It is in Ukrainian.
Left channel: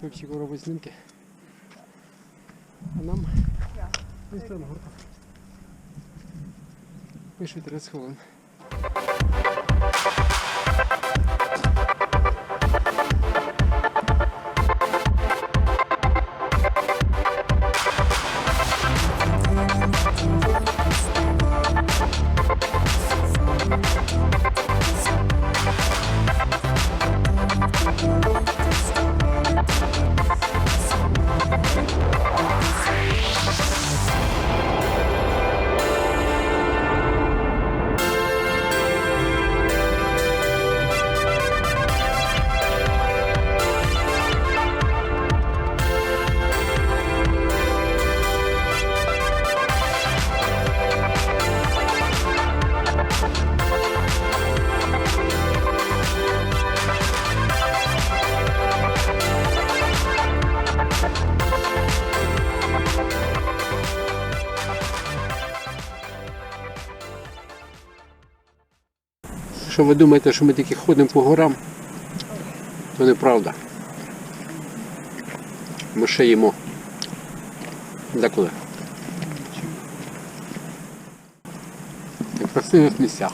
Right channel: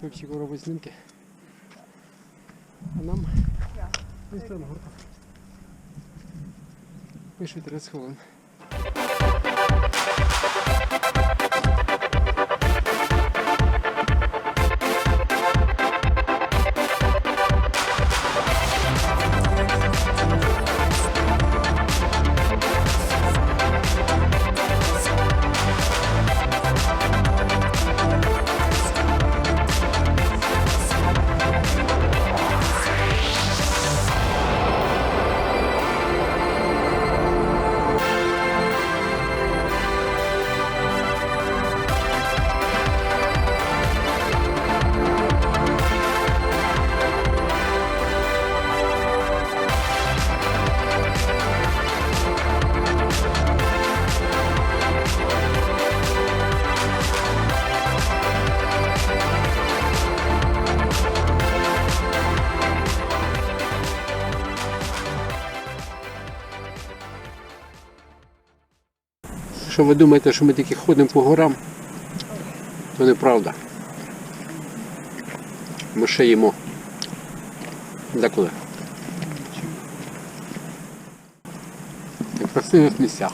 Пепсіку робить знімки. А нам ось там горка. Пише 30 хвилин. Якщо ви думаєте, що ми тільки ходимо по горам, то неправда. Ми ще їмо. Деколи. В красивих місцях.